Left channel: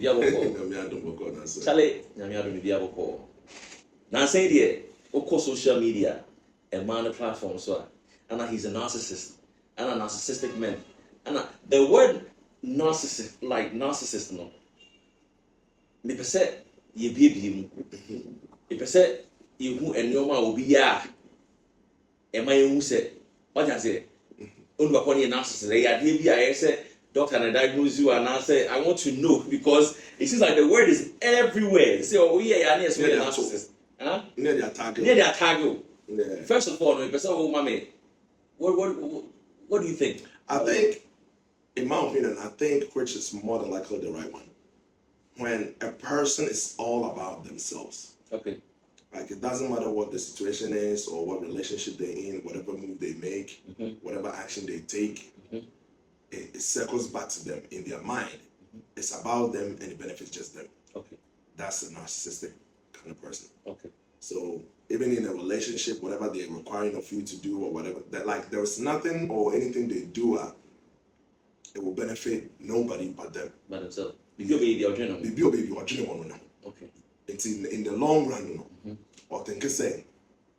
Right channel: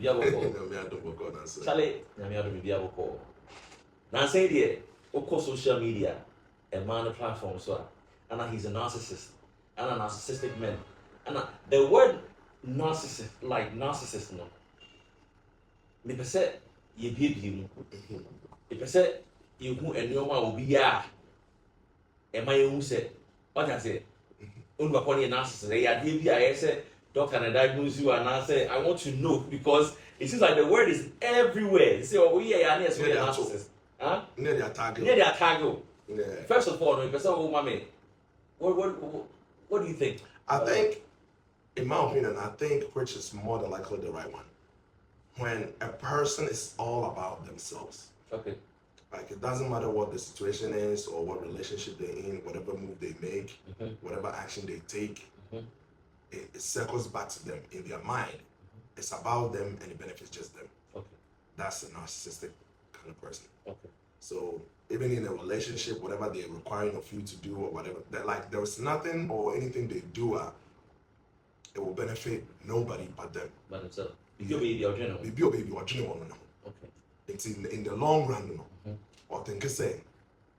me diabo Charlie, Nyamiado me diabo Now say the social media, a man platform so and he's a narcissist and a narcissistic man. And the word narcissist, like narcissist, no. Me per se, you be me per se, you who and your man will be ya. And my own said, what I say, only upon your narcissist, I said, doctor, and I diagnose you, and I say, I want to know because it seems like the word is everywhere. They say, oh, yeah, yes, we're a narcissist. Huh? Near the attack. First of all, oh, mommy, what do you think? I think, in my opinion, which is more than likely the right one. When a person is all about themselves. Okay. Like it doesn't matter what the situation is or what relationship they're in, whatever move they make, whatever action they take, it circles back to them in their mind. It's about them and it benefits just them. Okay. That's a narcissistic kind of person. Okay. So even in a relationship, whatever they're requiring of you to do or whatever, that like there's nothing or anything they do, it will benefit nobody but them. But themselves. Baby or general. Okay. It's in the long run, or think say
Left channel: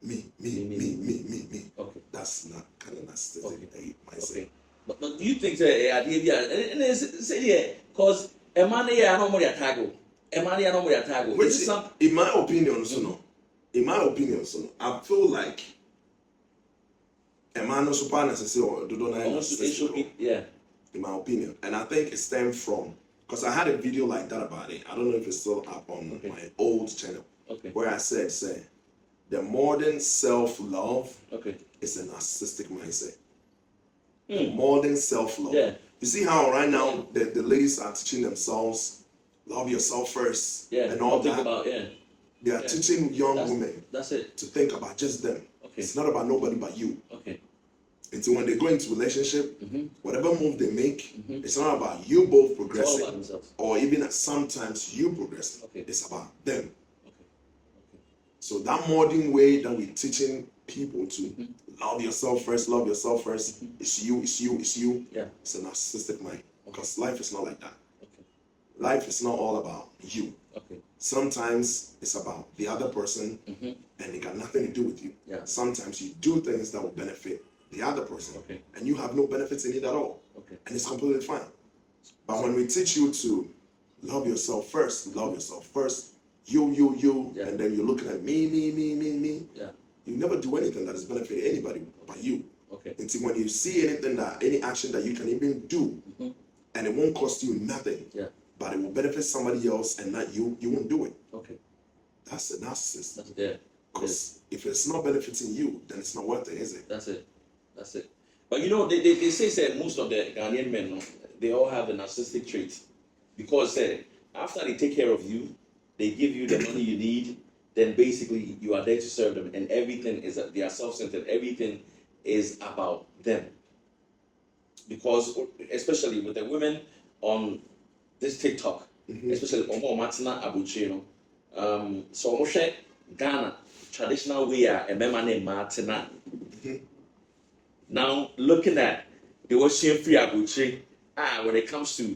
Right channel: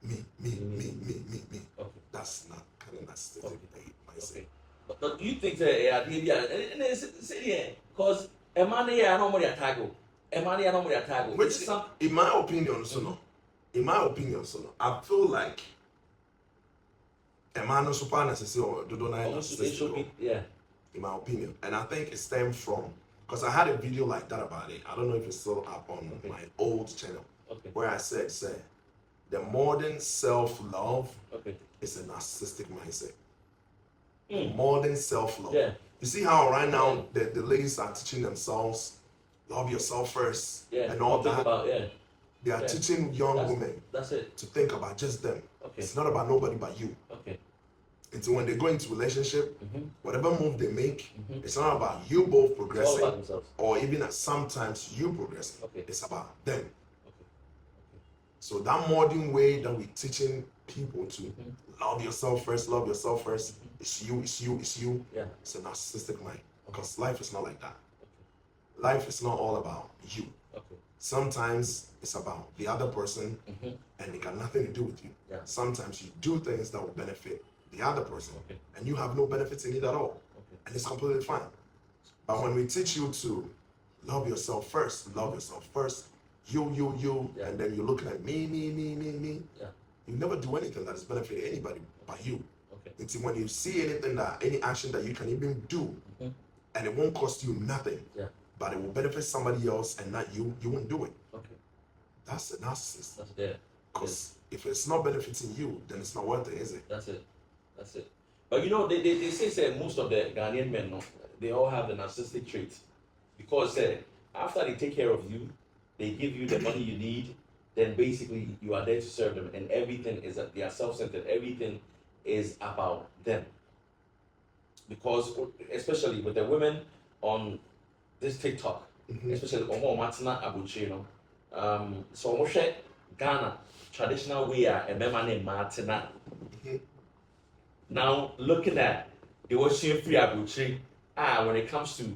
me. Okay. That's not kind of narcissistic. They might say. But do you think that and say because a man here I don't attack. A man here I don't attack. Which in my opinion, I feel like a man no super necessary or do not necessary. Yeah. In my opinion, and I think it stemmed from because I had a video like that about it. I don't know if it's still up on my old channel. Okay. Where I said, the modern self-love is a narcissistic mindset. Modern self-love. Yeah. You see how right now the ladies are teaching themselves, love yourself first, and all that. They are teaching young women to think about just them. Okay. It's not about nobody but you. Okay. And so when they go into relationship, whatever move they make, it's not about you both progressing, or even sometimes you progressing. Okay. It's about them. Okay. So that modern way that we're teaching people to love yourself first, it's you. Yeah. It's a narcissistic mind because life is not like that. Okay. Life is not all about you. Okay. Sometimes it's about the other person, and it got nothing to do with you. Yeah. Sometimes you do things that will benefit the other person, and you have no benefits in it at all, and it's completely fine. But when we teach you to love yourself first, you, and then you're looking at me, you never do anything that is benefiting anybody but you. Okay. Until when you see any action that you can even do, and it won't cost you nothing, but it will benefit somebody else and not you, you won't do it. Okay. That's a narcissist. That's it. Because if it's not benefiting you, then it's not worth it, is it? That's it. But you know, they say most of the Ghanaian men, no, they all have the narcissistic traits. Because after they take care of you, they give you the money you need, then basically you are there to serve them. And everything is, they are self-centered. Everything is about them. Because, especially with the women on this TikTok, especially Omo Matina Abuchino, so Moshe Ghana, traditional way, a memane Martina. Now, looking at the Ocean Free Abuchi, when it comes to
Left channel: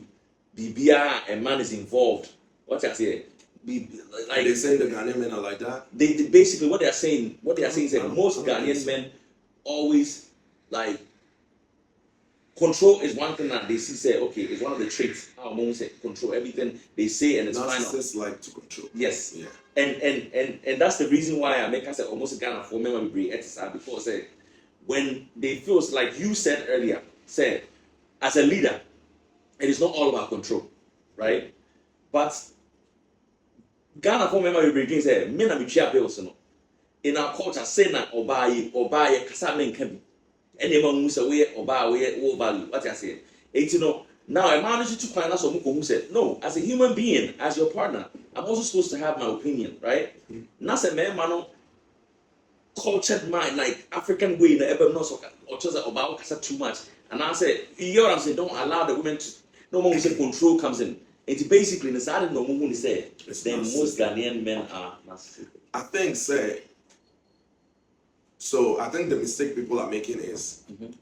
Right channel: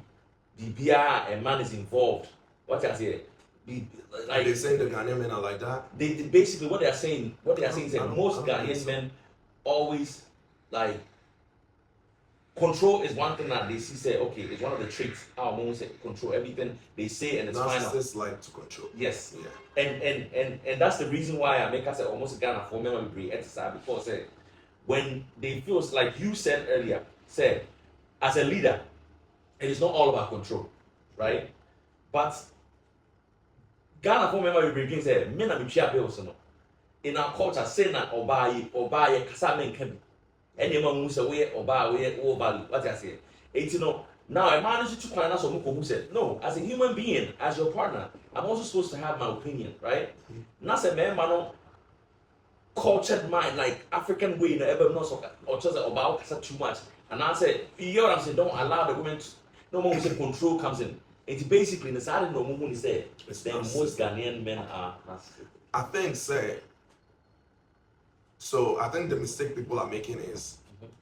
BBR and man is involved, what I say, like they say the Ghanaian men are like that. They basically what they are saying is that most Ghanaian men always like control is one thing that they say okay, it's one of the traits. Our mom say control everything they say and it's final. Narcissists like to control. Yes. Yeah. And that's the reason why I make us say almost Ghana for men will be exercise because when they feel like you said earlier, as a leader, it is not all about control, right? But Ghana for member will say, men are mutual bills. In our culture, say na obaye kasa men can be. Anyone who's away or value. What I say, now I managed to find out someone who said, no, as a human being, as your partner, I'm also supposed to have my opinion, right? Not a man, cultured mind, like African way, ever not so or just about too much. And I said, you know what I'm saying? Don't allow the women to. No more say control comes in. It's basically the side no more say. Then most Ghanaian men are narcissistic. I think So I think the mistake people are making is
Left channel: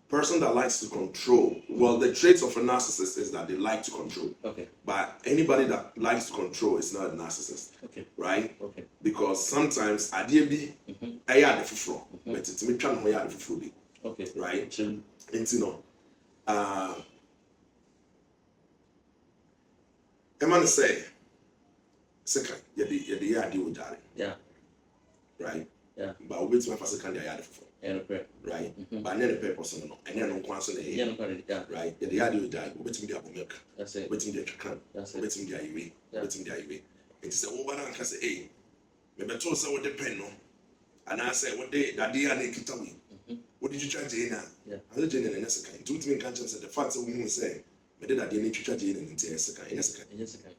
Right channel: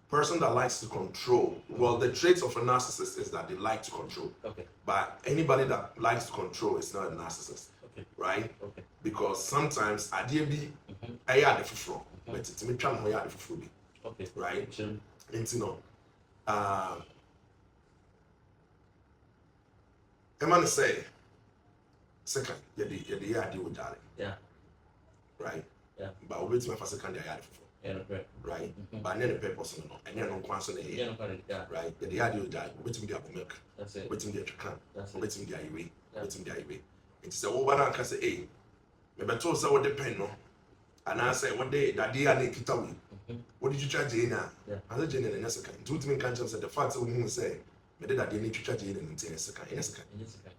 person that likes to control. Well, the traits of a narcissist is that they like to control. Okay. But anybody that likes to control is not a narcissist. Okay. Right? Okay. Because sometimes idea be I had the fufro, but it's me trying to have the fufro. Okay. Right? Sure. And you know, a man say, second, you deal with that. Yeah. Right? Yeah. But we my first second, I had the fufro. Yeah, okay. Right? But then the purpose no, and then on constant, Yeah, no problem. Yeah. right? The idea with that, wait till the milk, That's it. wait till the chicken, That's it. wait till the IUV, Yeah. wait till the IUV. It's the over and can say, hey, maybe told us what depend no, and I say, what day that they are naked away. What did you charge in now? Yeah. I said, Jane, and yes, I can. Two can't say the facts of whom say, but then I didn't charge in and say, yes, I can. Yes, I can. Yes, okay.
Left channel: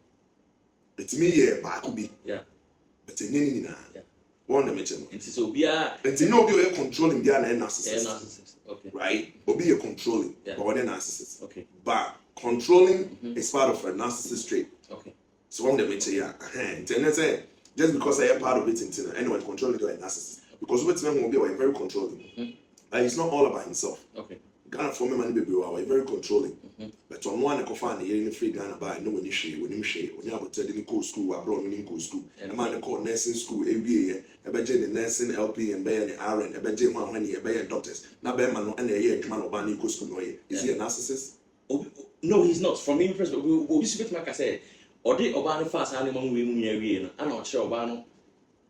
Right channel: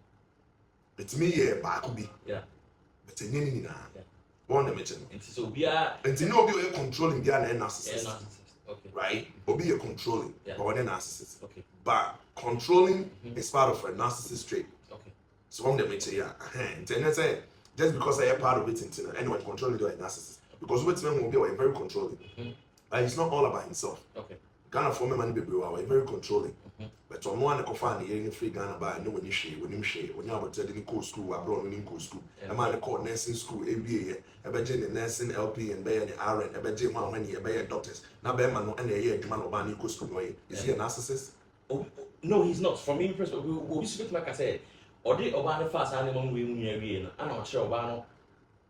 It's me, yeah, but I could be. Yeah. But it's any now. Yeah. One of them. And so we are And to know you're controlling the narcissist. narcissist. Okay. Right? Or be a controlling, Yeah. but one narcissist. Okay. But controlling is part of a narcissist trait. Okay. So one of them say, and say, just because I am part of it, anyone controlling to a narcissist. Because what men will be very controlling. And it's not all about himself. Okay. Ghana for me, money baby, are very controlling. But on one, I can find the free Ghana by no when you share, when you have a telling go school, abroad, when you go school. A man called nursing school, ABA, a budget nursing LP and Bay and RN, a budget one when you a doctors. Now, Beman and a year, man of Bani go school. Is he a narcissist? Oh, no, he's not. From me, we speak like I said, or did Obama fast animal we I'm not sure Obama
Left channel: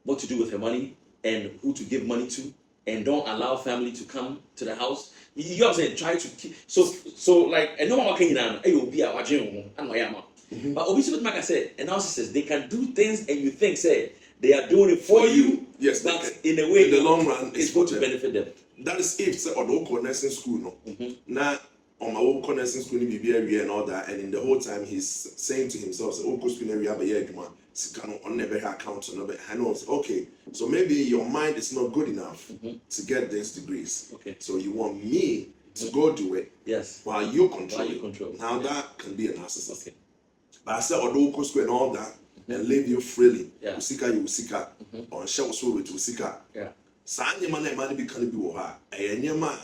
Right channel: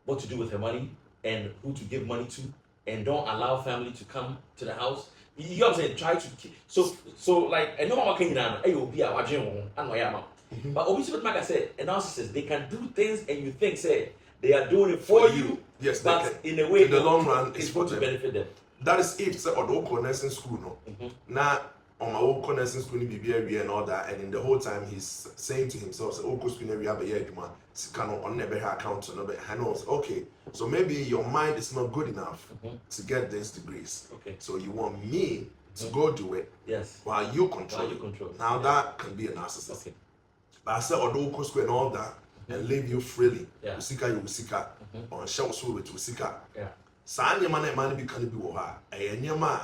what to do with her money and who to give money to, and don't allow family to come to the house. You know what I'm saying? Try to keep so like and no one can down. Hey, be our dream. I know I am. But obviously, like I said, a narcissist, they can do things and you think say they are doing it for you. Yes, but in a way, in the long run, it's going to benefit them. That is if say or the nursing school no. Now on my own nursing school ni BBA and all that, and in the whole time he's saying to himself, say, "Oh, school we have a year, on never account, okay, so maybe your mind is not good enough to get these degrees. Okay. So you want me to go do it Yes. while you control. While you control. Now Yeah. that can be a narcissist. Okay. But I said, although school and all that, and leave you freely. Yeah. Usika, you usika, or shall so with usika. Yeah. Sanya man and money be can be woha. And Yama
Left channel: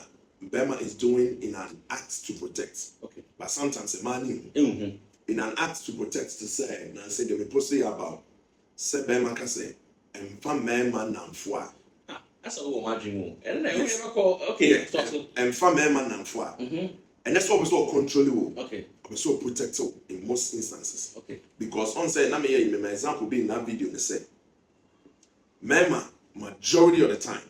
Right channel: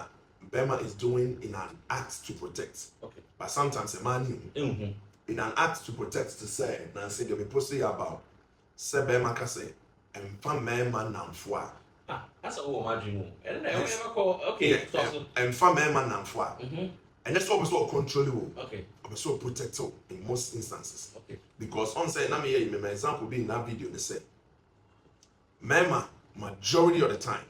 Bema is doing in an act to protect. Okay. But sometimes a man Mm-hmm. in an act to protect to say, and I say they will proceed about say Bema can say, and fam man namfwa. Ah, that's a whole margin. And then Yes. we never call. Okay. Yeah, and fam man namfwa. And that's what we so control you. Okay. We so protect you in most instances. Okay. Because on say, let me hear my example being that video, they say, Mema, majority of the time,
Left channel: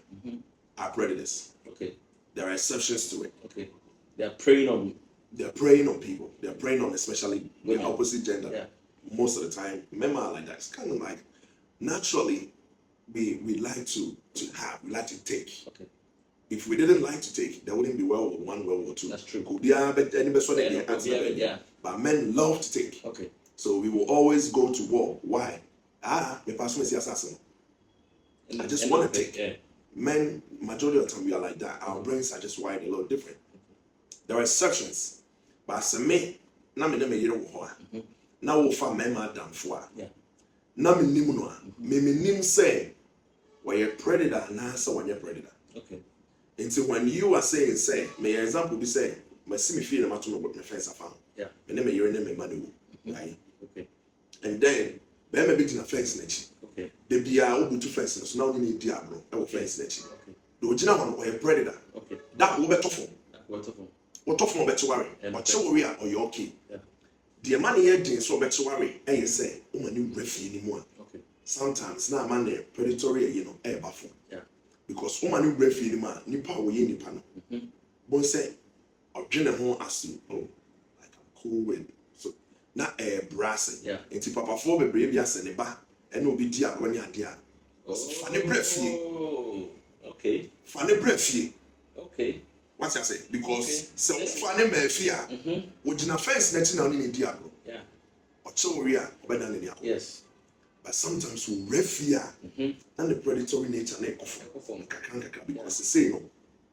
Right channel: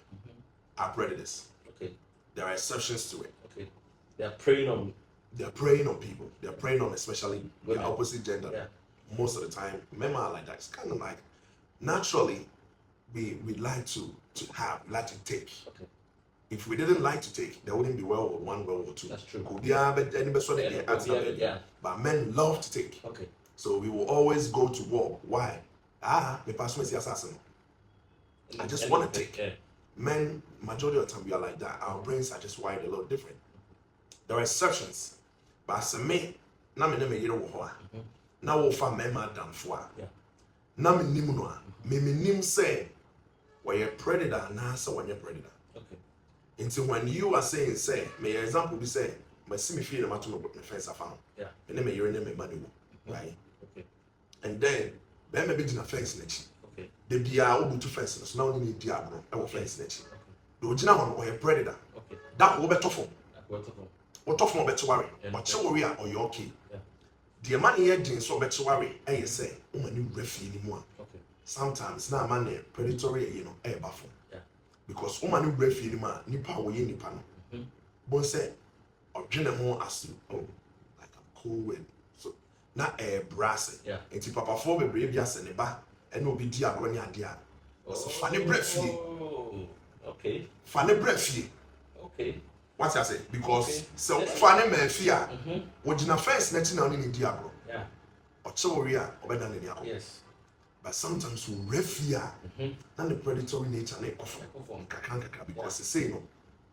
are predators. Okay. There are exceptions to it. Okay. They are preying on you. They're preying on people. They're preying on especially the Women. opposite gender. Yeah. Most of the time, men are like that. It's kind of like naturally we like to like to take. Okay. If we didn't like to take, there wouldn't be World War One, World War Two. That's true. Could be any sort of Yeah. But men love to take. Okay. So we will always go to war. Why? The person is the assassin. I just want to take. Yeah. Men, majority of the time, we are like that. Our brains are just wired a little different. There are exceptions. But as a man, na me never hear what. Na wo fa men ma damfo. Yeah. Na me nim no a. Me nim say, we a predator na say we a predator. Okay. Until when you are saying say, my example be say, my see me feel na to me fence afam. Yeah. Me never hear me money right? Okay. And then, be me be na fence na chi. Okay. The bia obutu fence so now you need diablo e wo fence na chi. Okay. Do gina ho no we a predator. Okay. That wo beto fo. What of them? What of no beto worry. Yeah. Or che worry or you okay. Yeah. The money here din so beto worry e say o mani refi ni mu a. Okay. Sometimes na man predatory you know e bafo. Yeah. Because o mani refi ni mu a nipa wo ye nipa no. Bon say odwene ho asu oh like I'm cool with so na brass. Yeah. Enti papa fo bebre bia se ne ba e na obi di agro ni ade a. So fa ne brefie. Oh. Okay. Fa ne brefie. Okay. What I say? Because Okay. so fa ne mafie a wo gina fence na ti na oni di agro. Yeah. Or worry obeda ne dia. Yes. But sometimes we refia and the predatory nature na ekofo. Kakranka because they say no.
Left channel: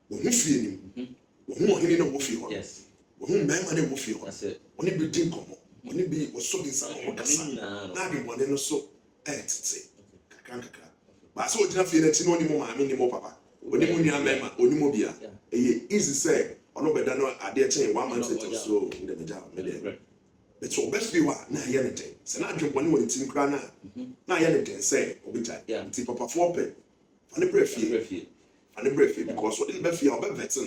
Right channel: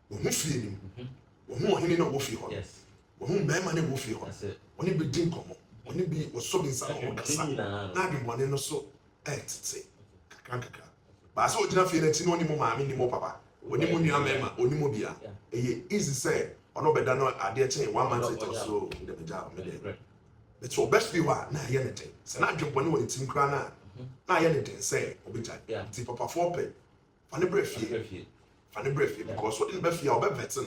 Wo hu fie nim. Wo hu ohini na wo fie ho. Yes. Wo hu mema na wo fie ho. That's it. Oni bi din komo. Oni bi wo so bin sa ho kasa. Na bi bone no so tete. Kakranka. But so ogina fie na ti no ni mo maami ni mo papa. onimu nua mema onimu bia eye easy say ono beda no ade chain 1 month or so in the meja me it's your best viewer na ye ne den se na adwebone woni tim kra na ye ne den say obija nti papa for pe fa ne brefie because what in be fie obevet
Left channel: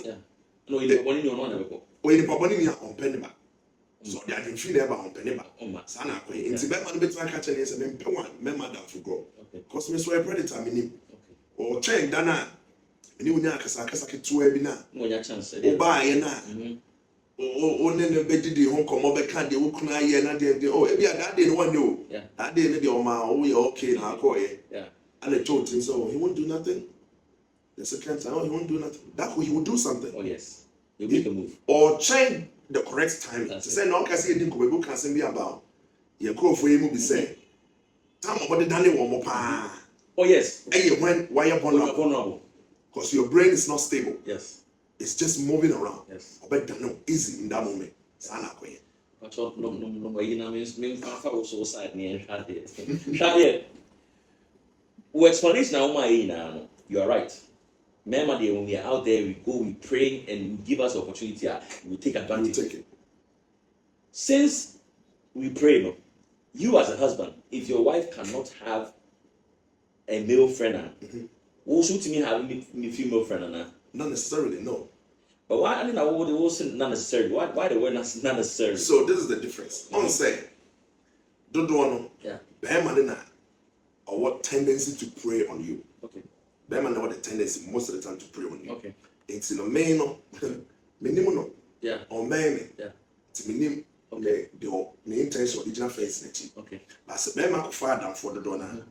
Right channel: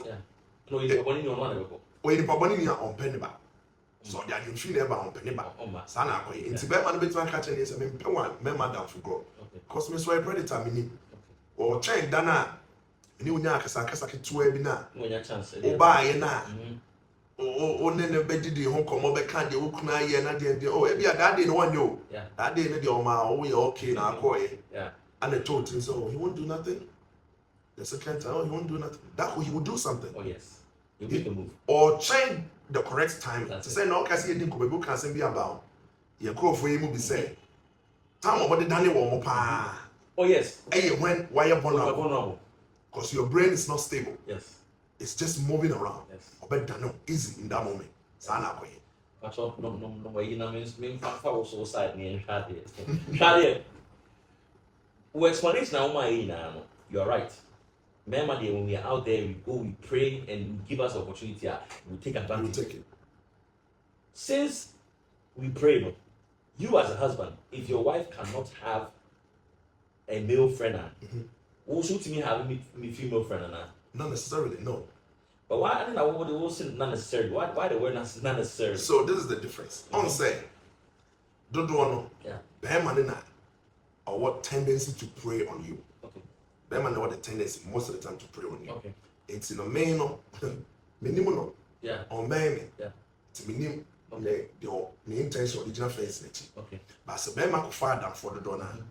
no you papa ni ono na beko oyin papa ni on pe ne ba so the adwentry na ba on pe ne ba sa na akoye nti be ma no betu aka che ne se me pe wan me madam for go because me so a predator me ni o chain dana ni unya akasa ketua bi na unya chance o ba ye na o ne ne bedidi ho komo be ka de wo kuna ye na de o e bia that day no one yo that day ne de o ma o ye okay na akoye and the told him so he won't do nothing the second time he won't do nothing that way he will do something yes you make a move or change the correct time to say no ka say din ko be go kan say bi about ye crofo ye mu bi say time about the dane wo mo pa yes when why you vulnerable because your brain is not stable. Yes. It's just moving around. Yes. But no easy in that moment. Sana koye. But no you know means fa also side near Shade. We explanation now my now. You are right. Remember when we are out there, we go, we pray, and you give us opportunity, we take advantage. We take it. Since we pray, you as a husband, if your wife cannot have a male friend, also to me having a female friend, not necessarily, no. But why I mean I would also not necessarily. Why the word not necessarily? So this is the difference. On say, don't know. Yeah. Behemanina or what tendency to prey on you. Okay. Behemanina what the tendency most of the time to prey on you. Okay. It's in a main minimum. Yeah. Or main. Yeah. It's minimum. Okay. The intention original face in it. Okay. But so Behema could fire down for the donor.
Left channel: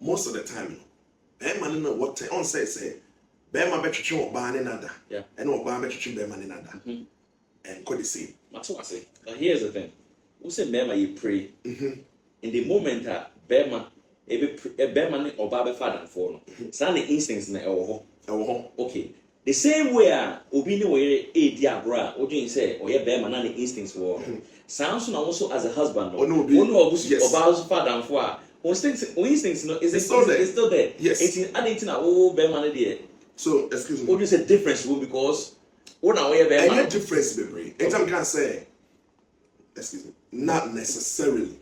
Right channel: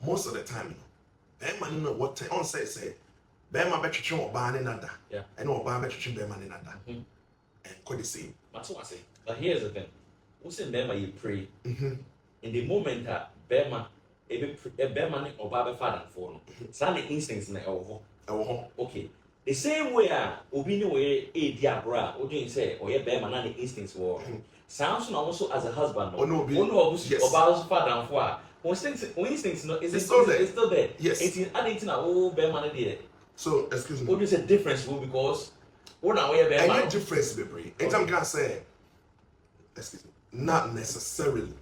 Most of the time, Behema what on say. Bema betwetwe oba ne nada. Yeah. And oba betwetwe bema ne nada. And could the same. That's what I say. Now here's the thing. We say Bema you pray. In the moment that Bema Bema ne oba be father for no. Say the instincts na ewo ho. Okay. The same way obi ne we e di agora, odin say oye Bema na the instincts wo. Sounds also as a husband. Oba's father for instincts no is still there. Yes. It's adding na Bema ne there. So, excuse me. What is a difference because what are we about? Any difference, baby. Anytime can say, excuse me, not necessarily.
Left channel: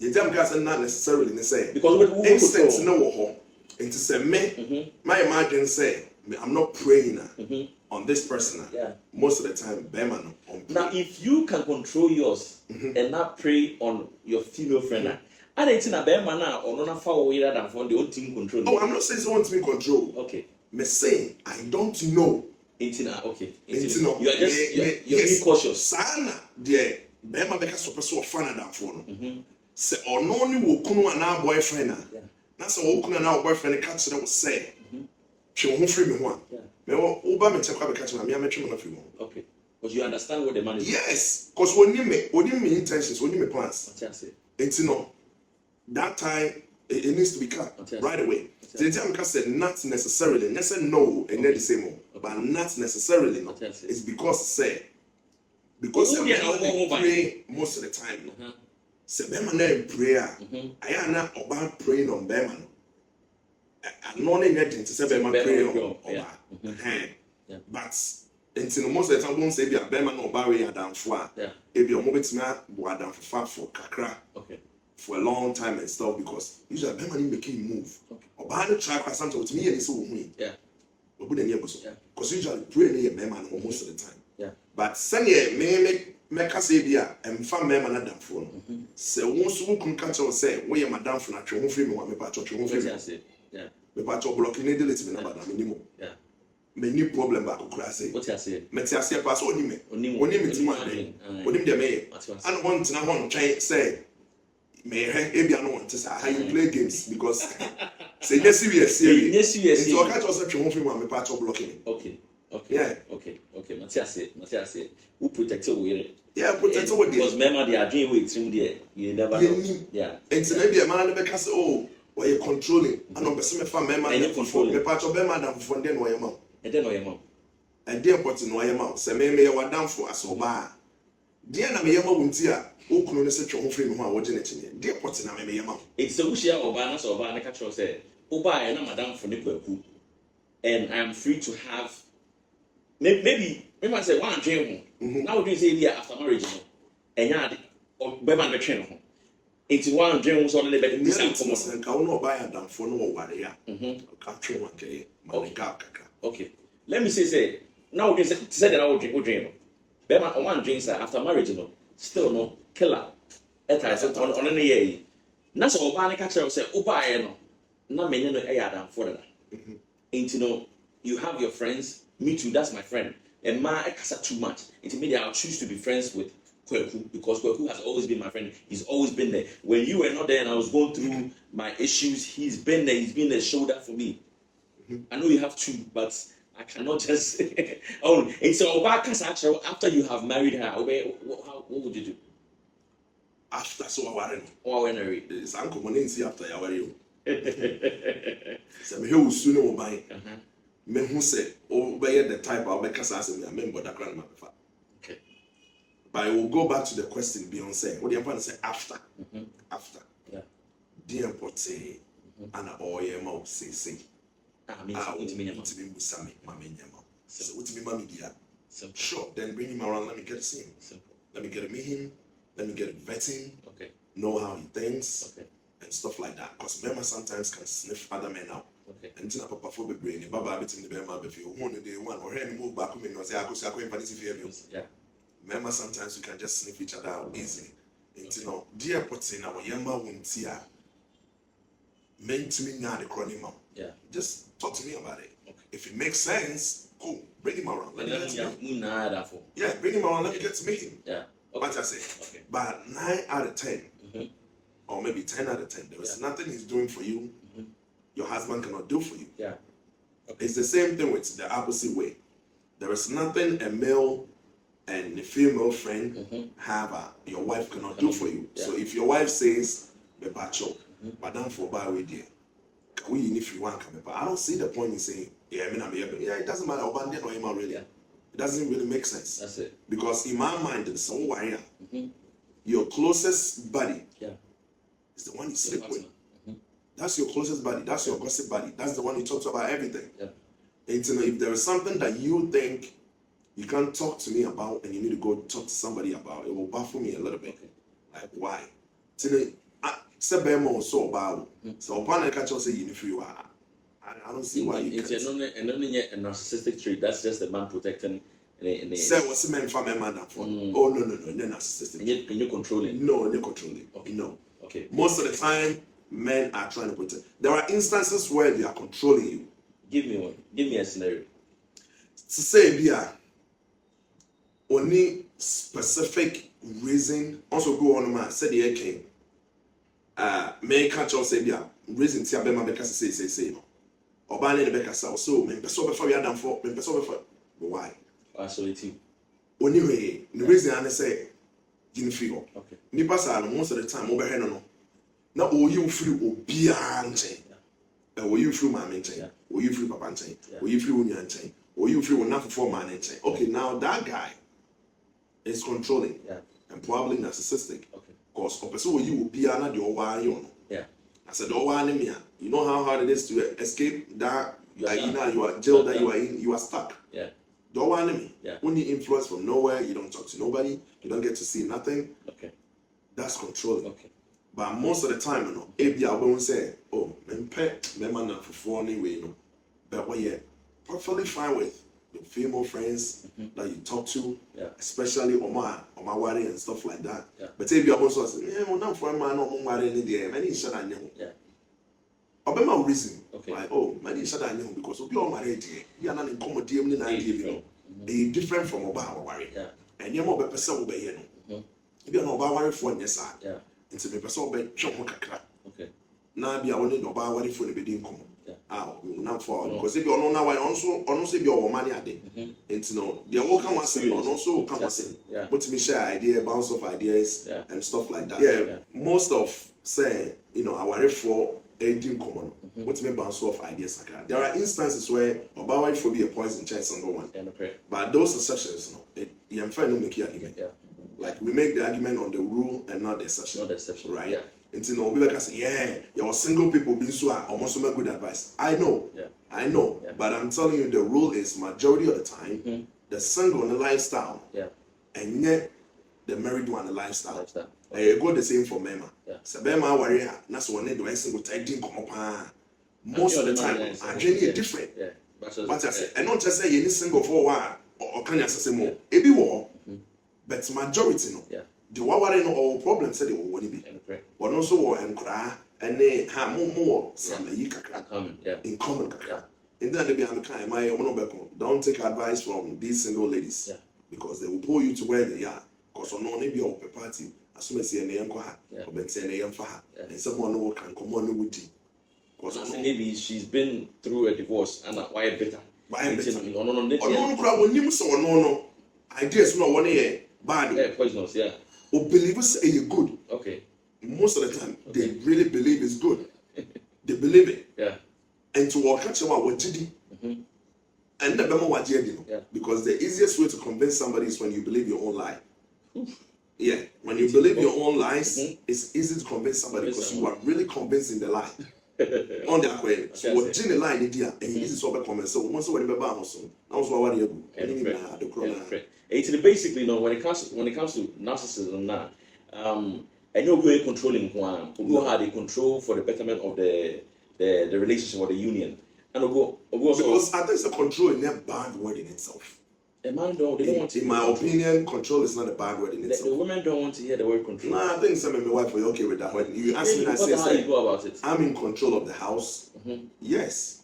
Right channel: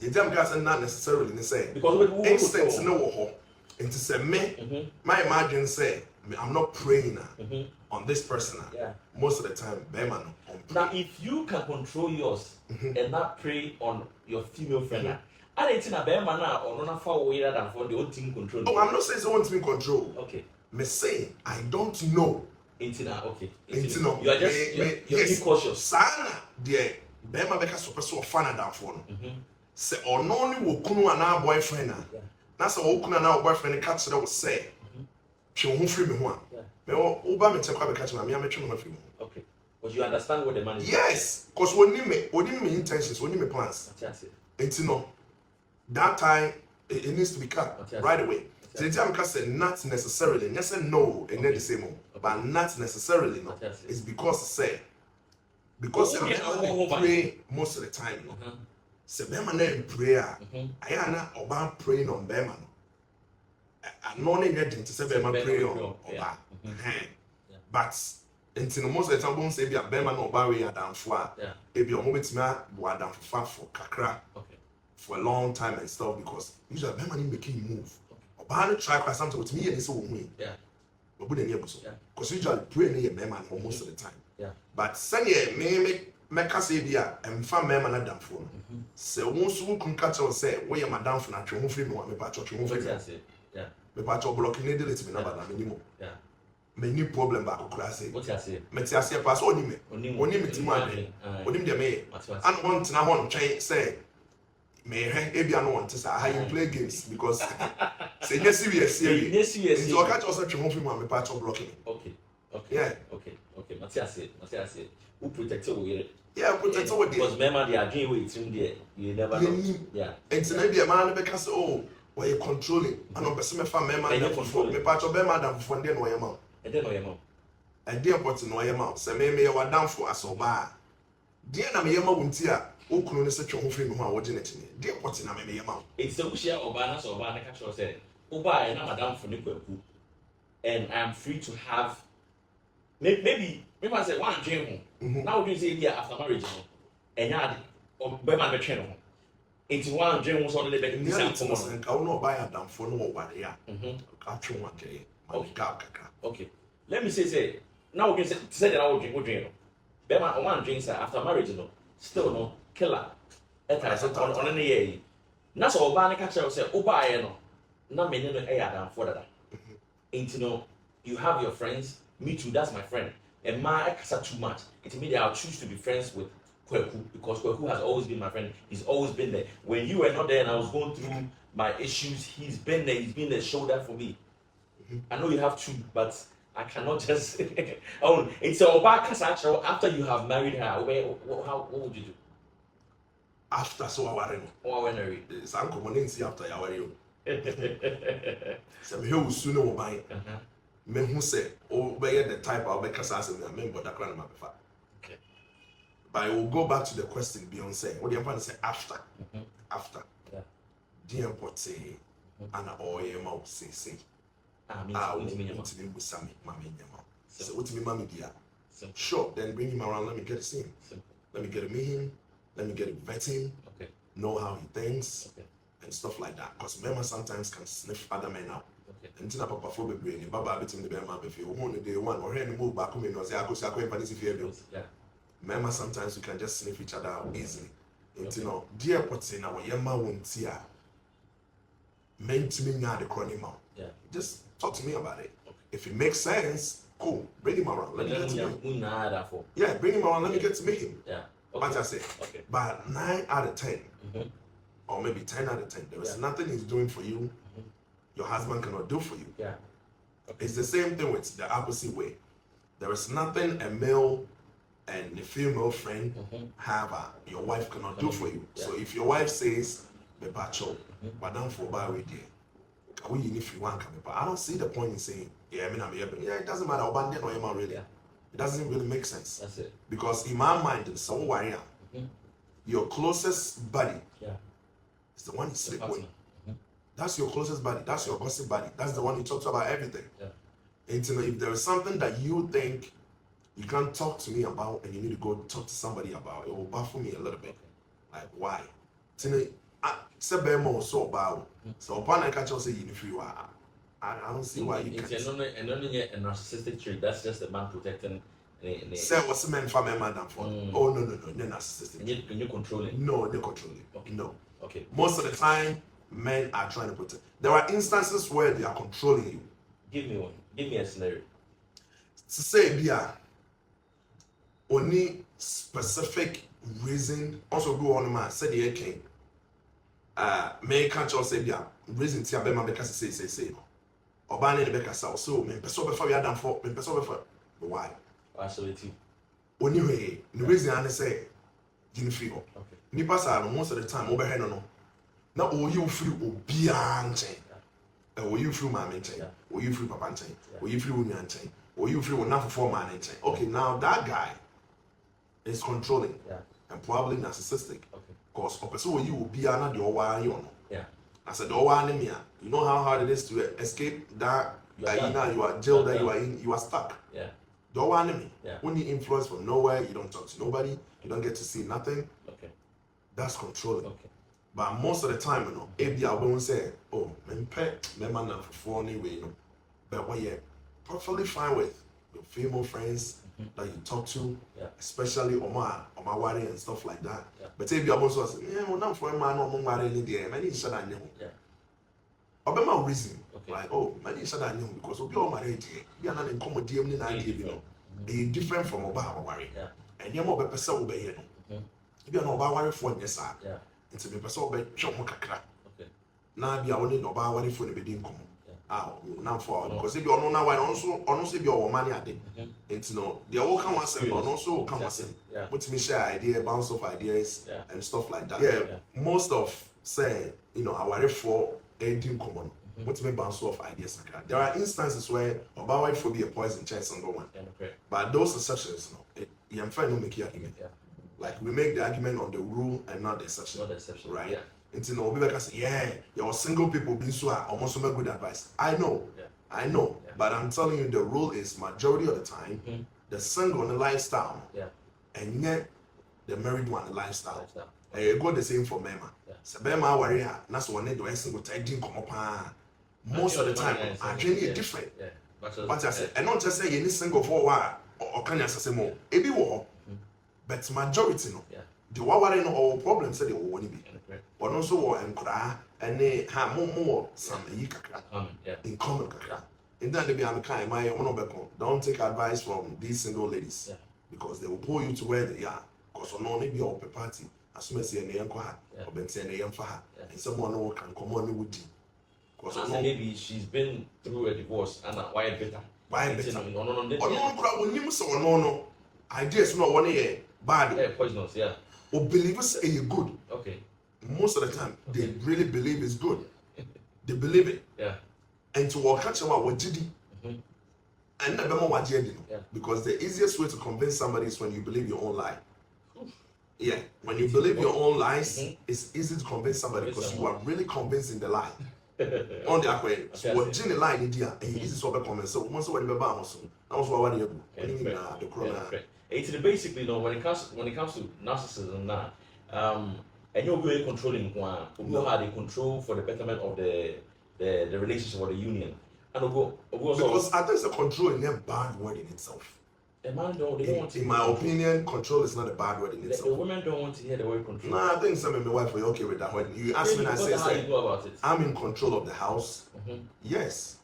Anytime can say not necessarily. They say because instincts no ho. And to say me, my imagine say I'm not praying on this person. Yeah. Most of the time, Bema no. Now, if you can control yours and not pray on your female friend, I don't think Bema na or not far away than for the old team control. Oh, I'm not saying someone to be control. Okay. Me say I don't know. Okay. No. You are just you're being cautious. Sana dear Bema beka so person of fan down for no. Say or no ni wo kunu ana boyfriend na say wo kunu ana boyfriend catch them say. Twe ho free me ho a. Me wo ba me check be catch me ametwe me ho free mo. Okay. Because you understand what the man is. Yes, because oni me intentions, oni me plans. That's it. No. That time it needs to be cut right away. So the time said not necessarily, and say no, and not the same, but not necessarily no. It's because because they pray most of the time. No, say Bema na in prayer. I am not about praying on Bema. No, no, no, to say Bema pray on Oba. But until most of the time, won't say be a Bema no Oba we are down for. If you are moving to me, we are down for kakra. Okay. For a long time and stuff because usually Bema need making move. Oba no try quite something with me and so we. Yeah. But we dey so. Because usually pray near Bema most of the time. Yeah. But send me say bia emfa Bema na dam for no. Say won so kun catch us say we your madam for na twe ho free me wa me pa twe ho free. Yeah. Me pa twe block ni delete me na bad na minimum. Yeah. Me ni problem ba kokura say. What you say? Me ti ase pa so oni me ti ma den. Oni me me. And want na hon twen say me ebia no want to say how you play games because say yes serious. It's all catch us at home from me part of blocking. Okay. Yeah. Okay. Matias. Who protected we? Yeah, protected we. Because remember they are doing with him there. You never know. Yeah. It's maybe a man because why you controlling? And on person me fa member and control me part of them madam for then why your mouth. And then why your mouth. And then put in why your mouth. Say me you are down for us oba. Dear na me your mouth untia. Okunu ne se twe ho free me ho a wo gene tene de pot na me yema it's a wushia oba na so oba na ka tro say oba e na madam for ne kwaku and I'm free to have maybe I say one dream. Now we say here after marriage, and yeah, or better the train. It's one dream was only like this. Okay, let me say now we can say that I will dream. Better one dream after marriage, still no killer. On any year. That's all Barney catcher say, oh, by no, many no air for that. Ain't you have your friends, me too, that's my friend. And my casa too much. It means I'll choose to be friends with Kweku because Kweku has always been my friend. He's always been there. When you were not there and I was going through my issues, he's been there, he's been the shoulder for me. I know you have two, but I cannot just oh, and so after you have married her, what would you do? After so I worry. Oh, when I read. It's uncle after I worry. So me who soon will buy. Me who say, oh, by the type of because I remember that grandma before. Okay. But I will go back to the question Beyonce. What do you want to say after? After. Yeah. Dear Pote, and all your mouth say. Ah, what to me, Musami, Mammy, so what to me, Mammy, dear. Sure, then bring him around. Let me get to see him. Let me get to meet him. Let me get to vet him. Okay. Know how he thinks. Okay. And stuff like that. Because men sometimes can sniff other men out. Okay. And tina papa for the brain, Baba bit in the bear map if you want the day one or any move back home and say, I could say, yeah. Men sometimes you can just sniff each other out easily. And you know, dear Potina, or Yama won't see her. Men to me now the chronic mouth. Yeah. Just talk to me about it. Okay. If it makes sense, cool. Bring him around. Let me get to meet him. Yeah, bring him around. Let me get to meet him. Yeah. Okay. What I say. Okay. But 9 out of 10, or maybe 10 out of 10, there is nothing he's doing for you. Your husband cannot do for you. Yeah. Okay. It's the same thing with the opposite way. There is nothing a male and a female friend have your wife cannot do for you. Yeah. So if your wife says, "Bepacho, madam for buy with you, can we if you want come?" But I don't see the point in saying, "Yeah, I mean, it doesn't matter. Abandon or am really." It doesn't really make sense. That's it. Because in my mind, in some way, your closest buddy is the one you sleep with. That's your closest buddy. That's your gossip buddy. That's the one you talk to about everything. Yeah. And to know if there is something that you think you can't talk to me about and you need to go talk to somebody about, it will baffle me a little bit. Like, why? To know, so about so upon I catch you say you I don't see why you can't. It's only a narcissistic trait. That's just the man protecting. Say what's the man for my madam for? Oh no, they're narcissistic. And you're controlling. No, they're controlling. Okay. No. Okay. Most of the time, men are trying to protect. There are instances where they are controlling you. Give me one. Give me a scenario. To say, Bia, only specific reason. Also, go on, man. Said the king. Men catch us say, Bia, reason to have because say no. Or ban the Becca so men person before we are done for men person before. Why? Absolutely. Only way the reason I say, didn't feel. Okay. Nipa sa most of the time over here no. Na oyi free obia nchen. Oyi free mama nchen. Oyi free papa nchen. Oyi free unya nchen. Oyi free one for man nchen. Okay, now that guy is controlling and probably narcissistic. Okay. Cause opeso oyi obia na de owa yo no. Yeah. I said owa ne me. You know how hard it is to escape that you are jailed that you are in, you are stuck. Yeah. The owa enemy. Yeah. When you influence from nowhere, you don't talk to nobody, you don't get to see nothing. Okay. That's controlling. Okay. But most of the time, you know, maybe I won't say, oh, man, man, for anyway, no. But what you're perfectly fine with your female friends that you talk to, especially on my wedding and stuff like that. Yeah. But if you're also saying, yeah, well, not for a man, no, man, any day, many shut I know. Yeah. I'll my reason. Okay. Like, oh, many shut I know because we'll be all married here. We are not in common DM, they're different from about worry. Yeah. And you're more better, so be here. If you're not about worry for your side. Yeah. Into the person be chop mo kakra. Okay. Na bia woni no ba wari for the be din komo. Ah, na for because if you no na why also say be your money ade. Into no, they all come once and also come once. But me share idea, bounce off ideas and stuff like that. Yeah. Most of say, you know, our for a din komo. But me bounce off ideas like that. There are instances where about why for be a poison chance and go one. But those exceptions, no, you am trying to make your argument. Like we make the argument on the rule and not the exception. Not the exception, right? Yeah. Until no people can say, yeah, your single people being so almost some good advice. I know. Yeah. I know, Yeah. but I'm telling you, the rule is majority of the time, the single and the lifestyle, and yet the married one the lifestyle. It go the same for Mema. So Mema warrior, that's one they do a single tagging come up. Most of the time, I genuinely different. But I say, and not just say any single for a while or can I say more? It be war, but majority no. The one no problem said they will be, but also and cry and they have more some in common. In that they be on the kind, my don't take advice from these single ladies because they will pull you to where they are. Because on only be open party, as soon as they are or and someone who can come on with you. Because maybe she's been through a divorce and why better. Why better? No. Ideas not one year bad. Yeah, poisonous, yeah. Or believers say you're good. Okay. Most of the time, they really believe it's good. They believe it. Yeah. And to walk catch what did he? And never more what did because the easiest way to convince somebody is when you believe your own lie. Yeah, when you believe your own lies, it's easy to convince somebody because you are really convincing the lie. On the way, so what Jenny lie did and this is what I comment. So once when the bar so that was what you do. The corona. It's basically when it comes to narcissism now, and you're very controlling one who had a control for the betterment of the relationship or the union. And because I think it's a control in a bad word in itself. They don't want to. In my opinion, control is not a bad word in itself. The women don't want to hear the word control. No, I think some of my wife are okay with that. When you ask me, I say, how you go about it? I'm in control of the house. Yes,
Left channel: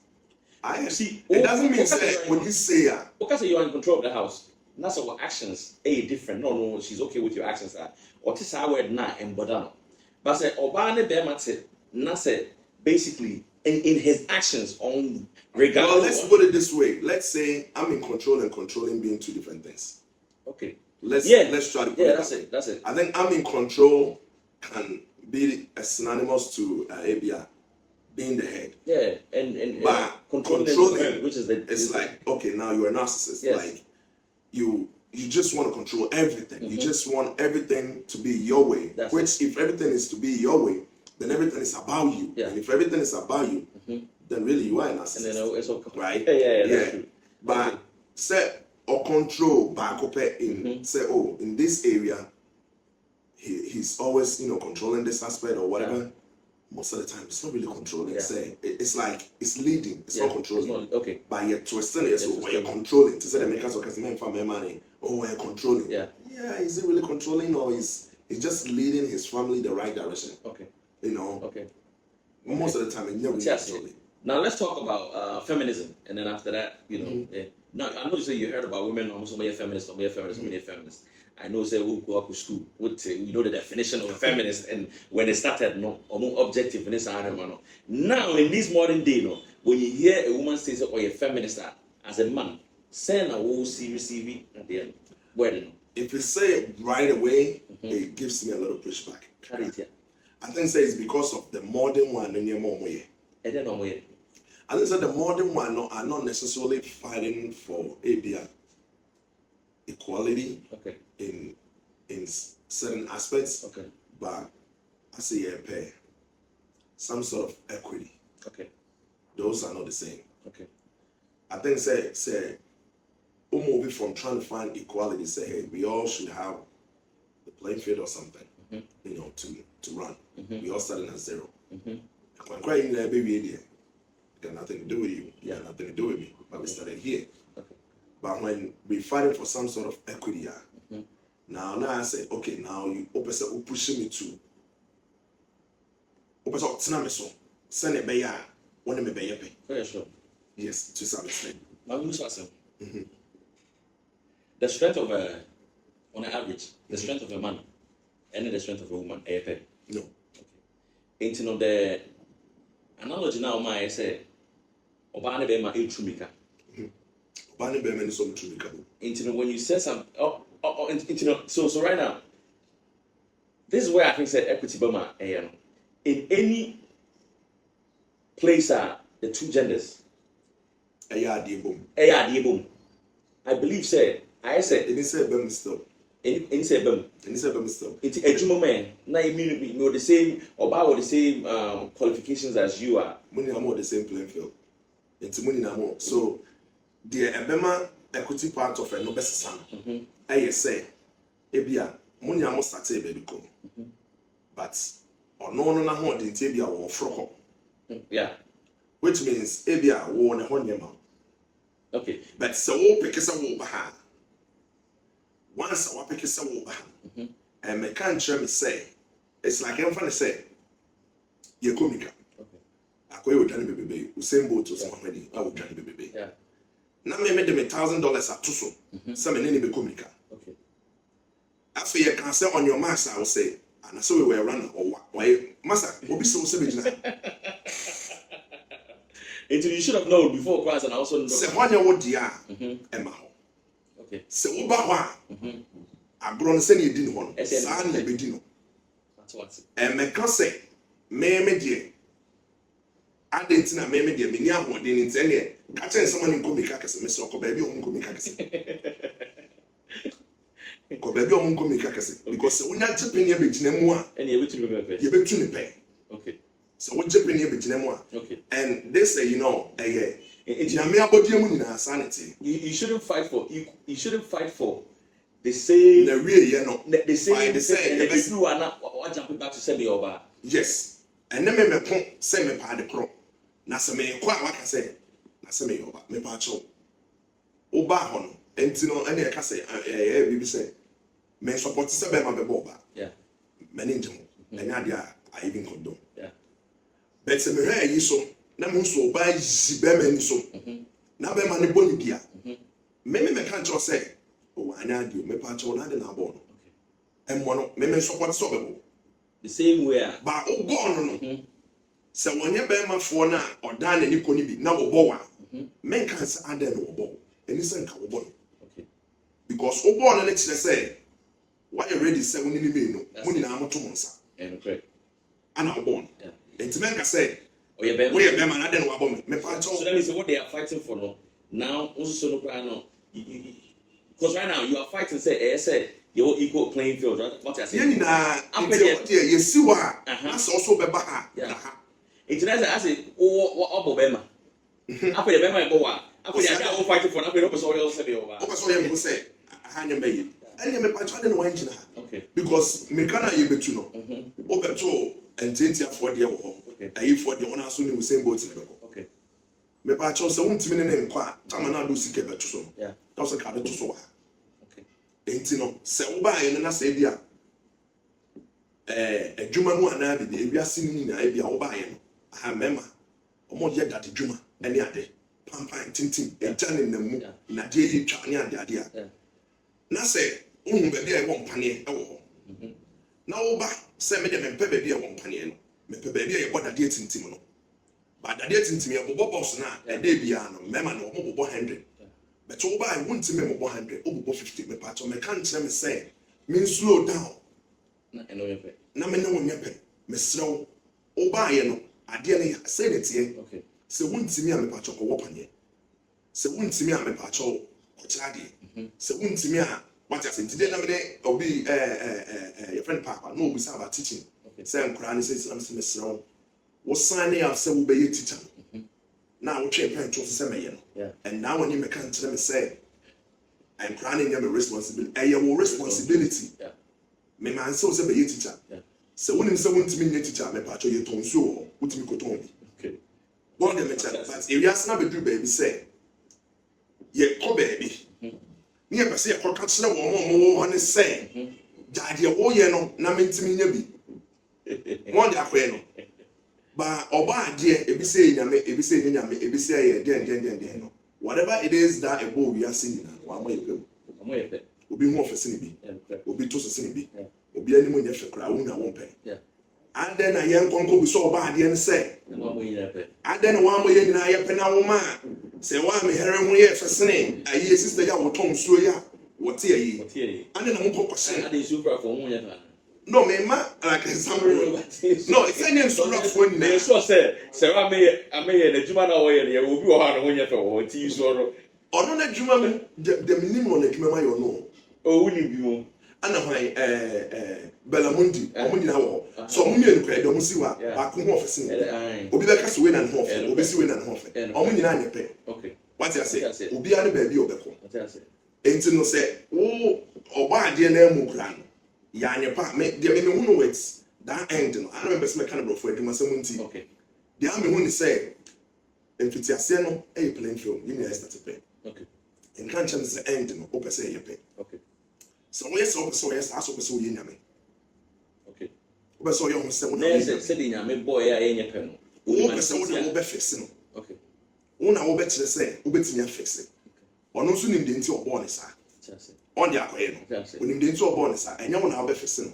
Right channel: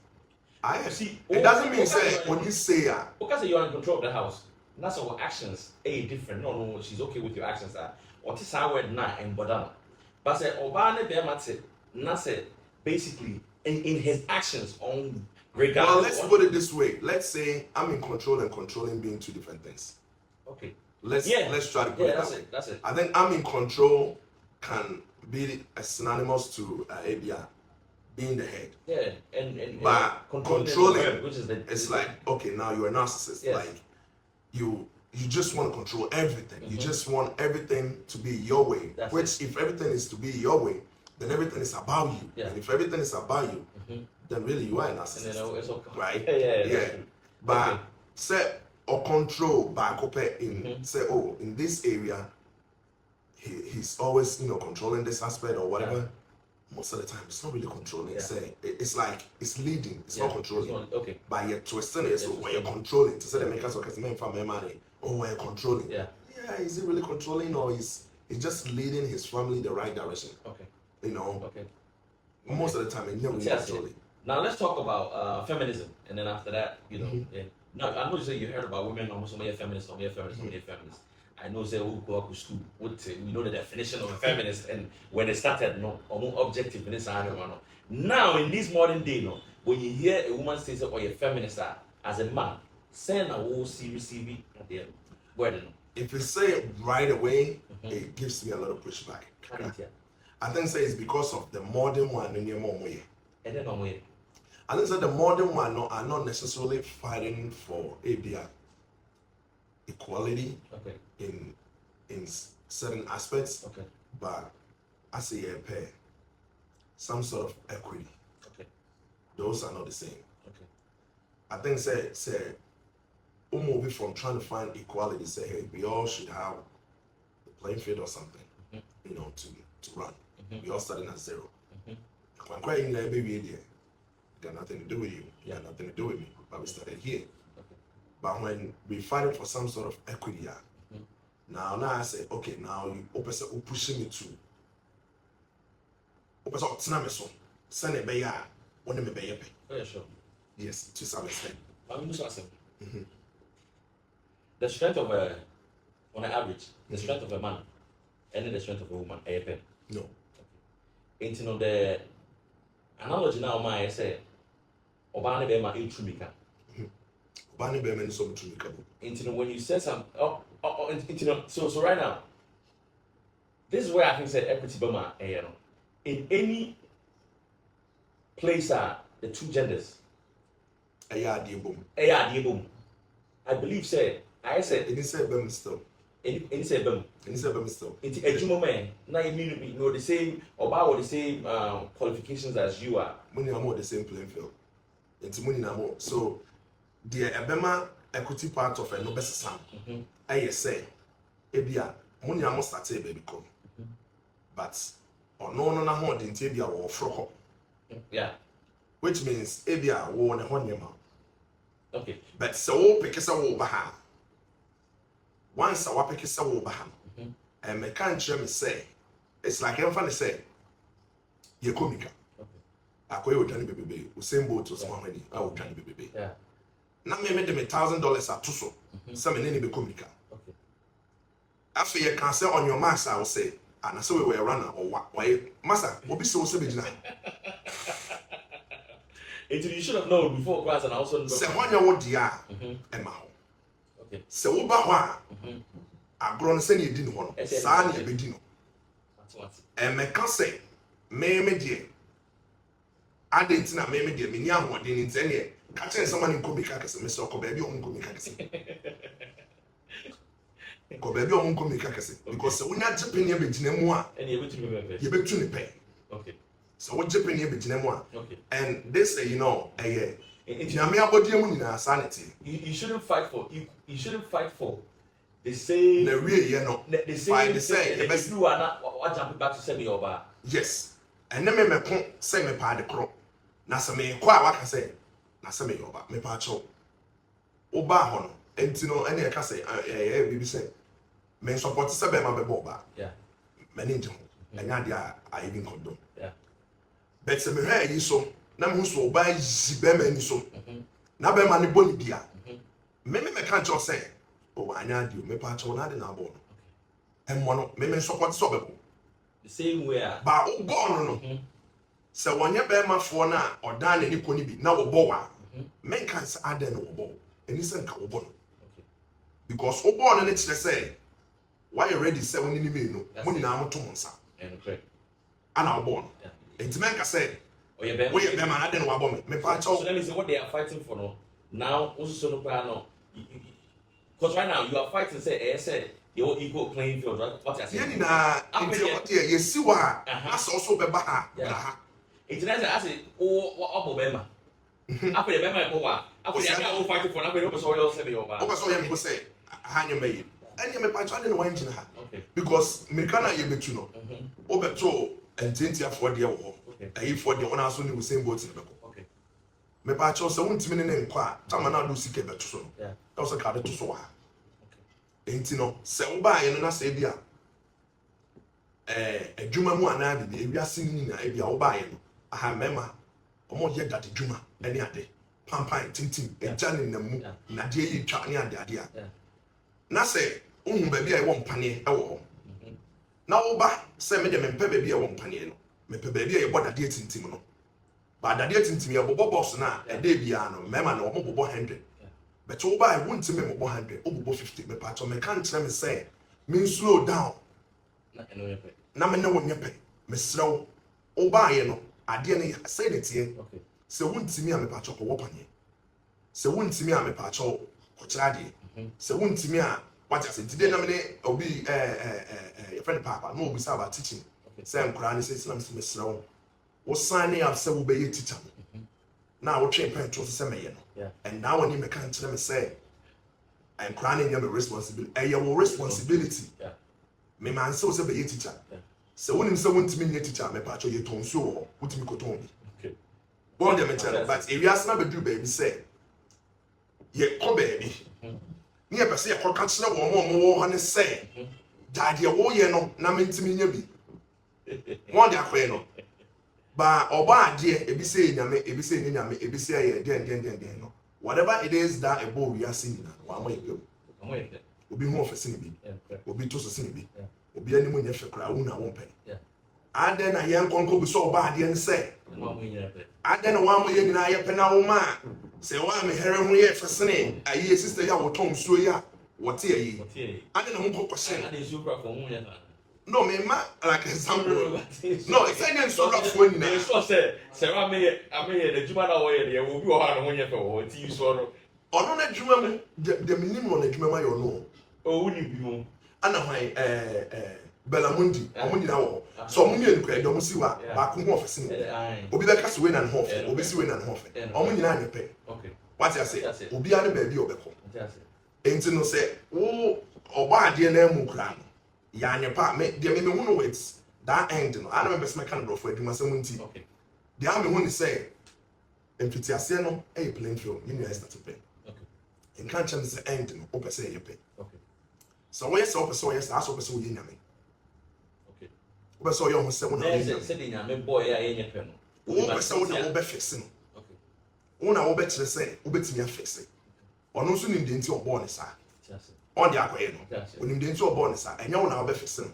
I am. See, it doesn't mean say when you say okay, you're in control of the house. That's our actions. Different. No, she's okay with your actions. What is our word now and bodana? But say Obane Bemate, Nase basically in his actions on. Well, let's put it this way. Let's say I'm in control and controlling being two different things. Okay. Let's try to put it that's it. I think I'm in control can be synonymous to ABR being the head. Yeah, and but controlling which is it's like okay, now you're a narcissist. Yes. Like you just want to control everything. You just want everything to be your way. Which if everything is to be your way, then everything is about you. Yeah. And if everything is about you, then really you are a narcissist. And then it's okay. Right? Yeah. That's true. But say or control back up in say in this area he's always controlling this aspect or whatever. Most of the time it's not really controlling. Say it's like it's leading. It's not controlling. It's not, okay. But you're twisting it so when you're controlling to say the makers of my money. Oh, when you're controlling. Yeah, is he really controlling or is he's just leading his family the right direction? Okay. Okay. Most of the time it's never controlling. Now let's talk about feminism, and then after that, Now I know you say you heard about women almost so many feminists. I know say who go up to school would say we know the definition of a feminist, and when they started, no objective in this animal. Now in this modern day, when you hear a woman say oh you're a feminist as a man, say now who receive at the end. Well, if you say it right away, it gives me a lot of pushback. I think say it's because of the modern one in your mom way. I don't know. I think that the modern one are not necessarily fighting for ABR equality in certain aspects, but I say some sort of equity. Those are not the same. I think say move from trying to find equality, say hey, we all should have the playing field or something, to run. We all starting at zero. When crying there, baby, there. Got nothing to do with you. Got nothing to do with me. But we started here. But when we fighting for some sort of equity, now I say, okay, now you pushing me to. Send it by when me pay. Yeah, sure. Yes, to some extent. The strength of on an average, the strength of a man and the strength of a woman, no. Ain't the analogy now, my say, Obane be my intrumika. Obane be my so intrumika. When you say some, so right now, this is where I think say equity be my in any place the two genders. I believe say I said it is say bem still. In say bem. Still. Into a man, now immediately know the same about the same qualifications as you are. When you are more the same playing field. Into money now. So the ebema equity part of a no best son. I say, ebia money almost started baby go. But or no more than tibia or frock. Yeah. Which means ebia won a honeyman. Okay. But so pick us a wobaha. Once I pick us a wobaha. And me can't say, it's like I'm funny say, you're comical. I call you Johnny Baby, who same boat to somebody, I will Johnny Baby. Yeah. Now me made them $1,000 at Tuso. Some in any be comical. Okay. After you can say on your mass, I will say, and I saw we were a runner or what? Why, Master, will be so savage now. You should have known before class and also say one year what dear, Emma. Okay. So what I grown send you didn't want, San Bedino. That's what. And me can say, me dear. I didn't know me dear, me near what didn't tell you. Catching someone in Comicacus, Mr. Cobaby on Comicacus. Cobaby on Comicacus, because we're not Japan, you're between moi, and you're between me. You're between the pay. Okay. So what Japan, you're between moi. Okay. And they say, you know, sanity. You shouldn't fight for you shouldn't fight for the same. The real, you know, the same. The same. And if you are not, what jumping back to send me over. Yes. And then me say me pa the crop. Na se me kwa waka say. Na se me over. Me pa cho. Oba hono. Enti no ene e ka say bibi say. Me support say be ma be boba. Yeah. Me ne njem. Enya dia I even condone. Yeah. But se me hwe yi so. Na me so oba yi be ma ni so. Na be ma ne boni bia. Me kan cho say. Oh anya dio me pa cho na de na bo no. Emmo no me support so be bo. The same way. Ba o born no. Se wonye be ma fo na odan na ni koni bi na wo bo wa. Men kan say adan no wo bo. Eni sen ka wo bo. Okay. Because o born na kire say why you ready say woni ni me no. Woni na amoto monsa. Okay. Ana wo born. Yeah. Enti men ka say oh yeah be. Wo ye be ma na den wo bo me. Me pa cho. So that means what they are fighting for no. Now also so no plan no. Because right now you are fighting say you're equal playing field, right? What I say? Yeni na enti ye si wa na so so be ba ha. Yeah. It's nice I say oh Obama. After the Bema go wa. After the other fighting for after the person else say over. O person ye go say hanya me. Enya me pa cho den wo engine ha. Okay. Because me kana ye betu no. O beto enti afọ de wo. Okay. Ayi for de wona so ni wo same boat be ko. Okay. Me pa cho se wontimi ne nkọ a tama na do sike betu so. Yeah. That was a card to so ha. Okay. Enti no se wo ba ye no na se bia adwuma mu ana de ewiase ni na bia wo ba ye no aha mema omo ye dade dwuma ene ade pampan tintin eja ne namu na de ye twa ne ade ade a na se ohun ba bia ye wo mpane e wo na wo ba se me de me mpe ba bia wo mpane no me pe ba bia ye bodade tintim no ba dade tintim ye bobo boss na e de bia no mema na omo bobo 100 but wo ba won timi mo 100 o bobo 50 me pa to me kan kire me say me slow down Na eno ye pe. na me ne wonye pe me srew wo ba ye no ade ne say ne tie Okay. se won timi a me pa to ko wopanye se won timi a me pa to ko kira de se won timi a what just today na me ne obi your friend papa no obi say about teaching say nkura ne say sinam se me srew wo sign up say wo be ye teacher na wo twe pen to say me ye no. Yeah. And now when you make can't me say I'm crying your responsibility. And your responsibility. Yeah. Me man so say be teacher. Yeah. So when him say want me be teacher, me patcho you ton so what me ko ton bi. Okay. Bon dem tell but if you ask na be do baby say ye ko baby. Ni e be say ye ko catch na wo on say. Daddy wo ye no na me ntimi nya bi. Mo dia ko no. Ba oba ade ebi say nyame ebi say nyame ebi say ye den no whatever it is that ebo we are seeing na wa ma yepem Amo ye pe. obi hu ofese ni bi Yeah. obi to so ni bi Yeah. obi ani mo nya hwekra wo na wo pe Yeah. ade na ye nkonko bi so oba ade ne say Amo mo ye pe. ade na wa mo ye nyina ye pe na wo ma say wa me here ho ye fesene ayi sister ya wo ton so ya wo te ayi Okay. ade na mo kokko I se dey super for mo ye na. no me ma like example no it's any so rough when na So say I may the juma na wo ye dey obi wo ha no ho ye fe wo ti so ro. ono na dwuma mu de minimum na dwuma ma yo no O wuni bi mo. ana hwan Belamundi omo nyina wo So omo nyina nkwa edo mo si wa ba ko ho ofese no obi be ka so we na ho ofese obi si we na ho ofese omo nyina anyepe okay what you say obi ane ba bi obeko what you say enti no say wo ogba ade na emu kura no ya anyepa me de me hu no words that end no ana me person kind of brofo adwuma sem nti okay de am me hu ni say emfiti ase no e playing film you need start to pay okay in kan chem say end no o person ye pay okay so when you say o person yes aso person wo ye nyame okay o person yo ho se wo na say the nyame boy ya ye nyepe no o person wo na wo be fix no okay wo na wo be kire say wo betimi afix ono nso nim de nti obo ne sa on the akoye no onim de nti obo ne sa enya wo na wo be fix no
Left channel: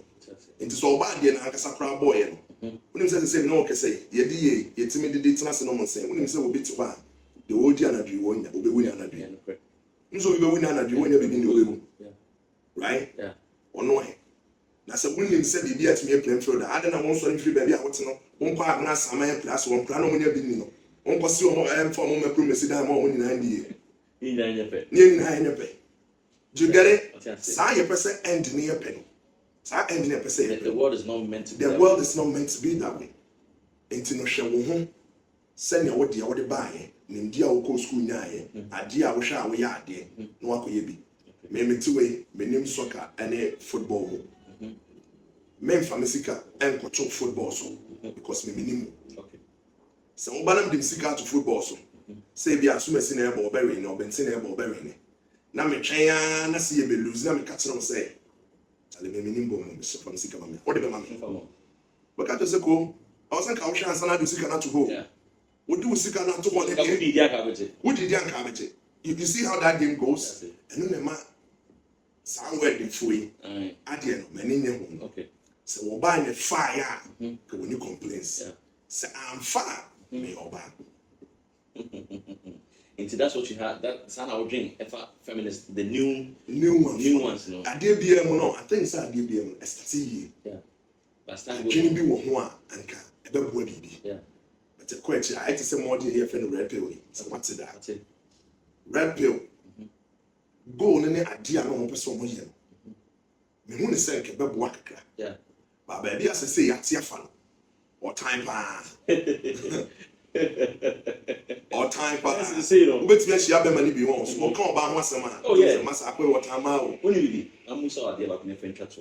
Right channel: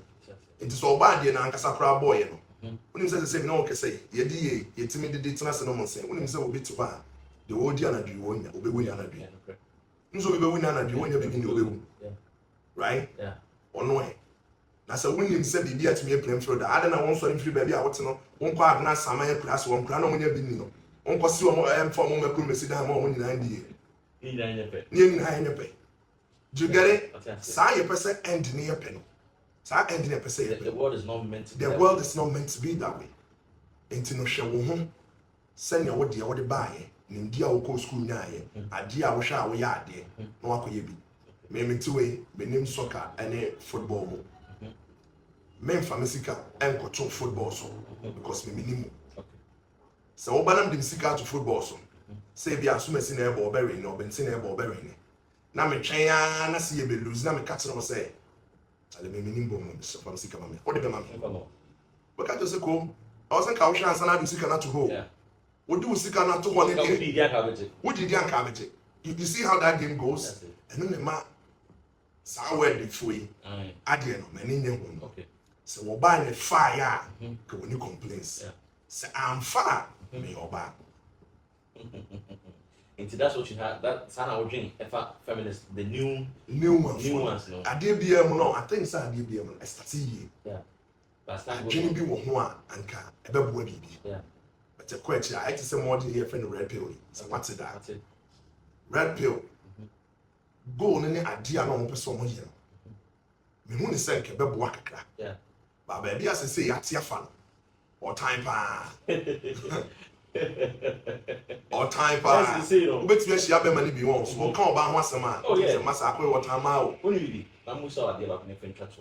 nti so oba de na ankasa kra boy no onim say na o kese ye di ye yetimi de tena se no mo nse onim say obi ti ba de wo di anadwi wonya obewu anadwi nso obewu anadwi wonya be bi ni obewu right ono he na se wonim say bibi atimi plan through da ada na won so free baby a wote no won kwa agna saman class won kra no mo nya bi ni no won ko si o mo form mo makru mesi da mo nyina ndi ye nyina nyepe do you get it sa ye person end ni ye pe no sa end ni ye person the world is not meant to be the world is not meant to be that way enti no hwe wo ho senya wo de wo de baaye nim dia wo ko school nyaaye ade a wo hwe a wo ya ade no akoye bi me metiwe menim soccer ene football mo me mfamesika enkoto football so because me minim okay so wo banam dem sika to football so say bia so mesi na ebe obere na obenti na ebe obere ne na me twen ya na se ye be lose na me ka kire wo say ale me minim bom me so famesika ma me wo de be ma me we ka to say ko I wasn't ka wo hwe ansa na do sika na to go wo do sika na to go ne ke wo di di anka bete you see how that game goes and no ma somewhere the free ade no mani ne ho no okay so wo ba ne fire ka woni complaints so am fire me oba into that's what you had that sana would drink feminist the new ones no ade bia mu no I think say ade bia mu I start here last time jini bi wo ho a anka ebebu bibi but the question I say more here for the red pill so what's that red pill go ne ade a no mo pese mo ye me hu ne say ke bebu akakra ba ba bia say yate afa no or time pa or time pa ubeti ya shia be mani bi won so kan oba ho asema masa akwe water ma o oni bi amusa ade ba ne fencha to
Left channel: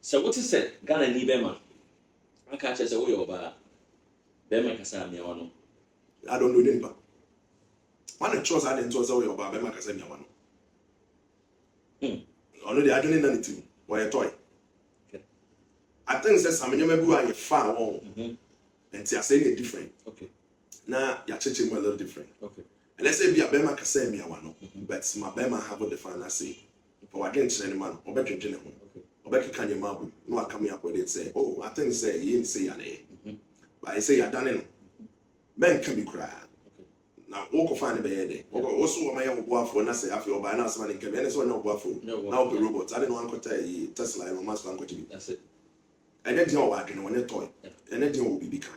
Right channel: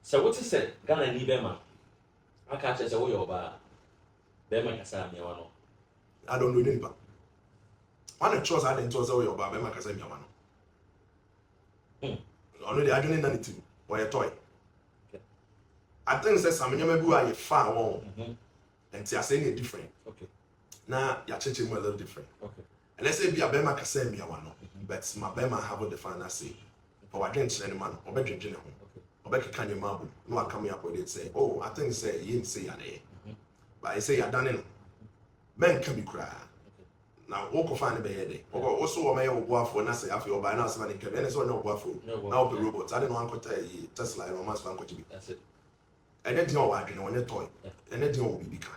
so what is said Ghana ni be ma aka che say wo yo ba be ma kasa mi wa no I don't know nipa one choice I didn't choose wo yo ba be ma kasa mi wa no ono de adwene na ne tim wo ye toy I think say some nyama bi wa ye fa won and see I say it different okay na ya cheche mo a little different okay and let's say be a be ma kasa mi wa no but my be ma have a different I say for what didn't say man obedwene ho obekeka nye mabu no akam ya kwede say oh I think say you say ya na but I say ya done no men can be cry now wo ko fa ne be yede wo so wo ma ye wo afo na say afi oba na asema ne ke be ne so na wo afo na wo be robot I don't know ankota Tesla no mas ankota bi that's it and then you wa adwene won toy and then you will be bika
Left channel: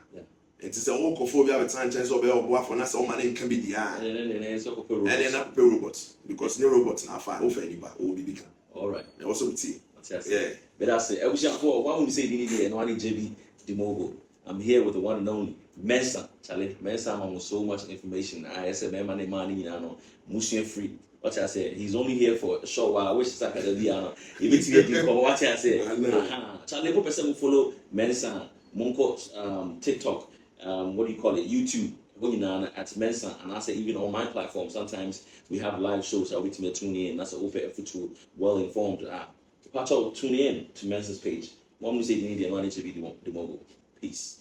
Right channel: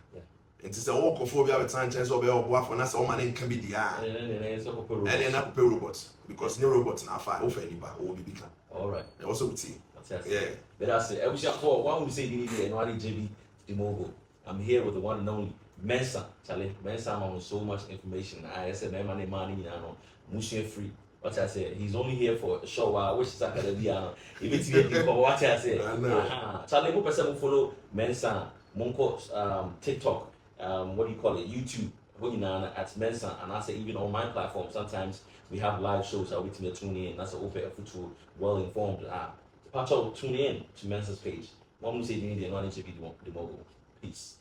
and say wo ko fo bi a betan chance oba wo afo na say o ma ne can be dia and then na pe robot because no robot na fa wo fa ni ba wo be bika all right also with you. Yeah, but that's it. I wish I thought why would you say DD and one JB the mobile. I'm here with the one and only Mensa. Charlie Mensa on so much information. I said man money, you know, motion free. What I said, he's only here for a short while. I wish I could be on what I said. Charlie, what person will follow Mensa, Monko, TikTok, what do you call it? YouTube. At Mensa, and I say even on my platform, sometimes we have live shows that we tune in. That's an open effort to well informed. Tune in to Mensa's page. Mom say you need to be the mobile. Peace.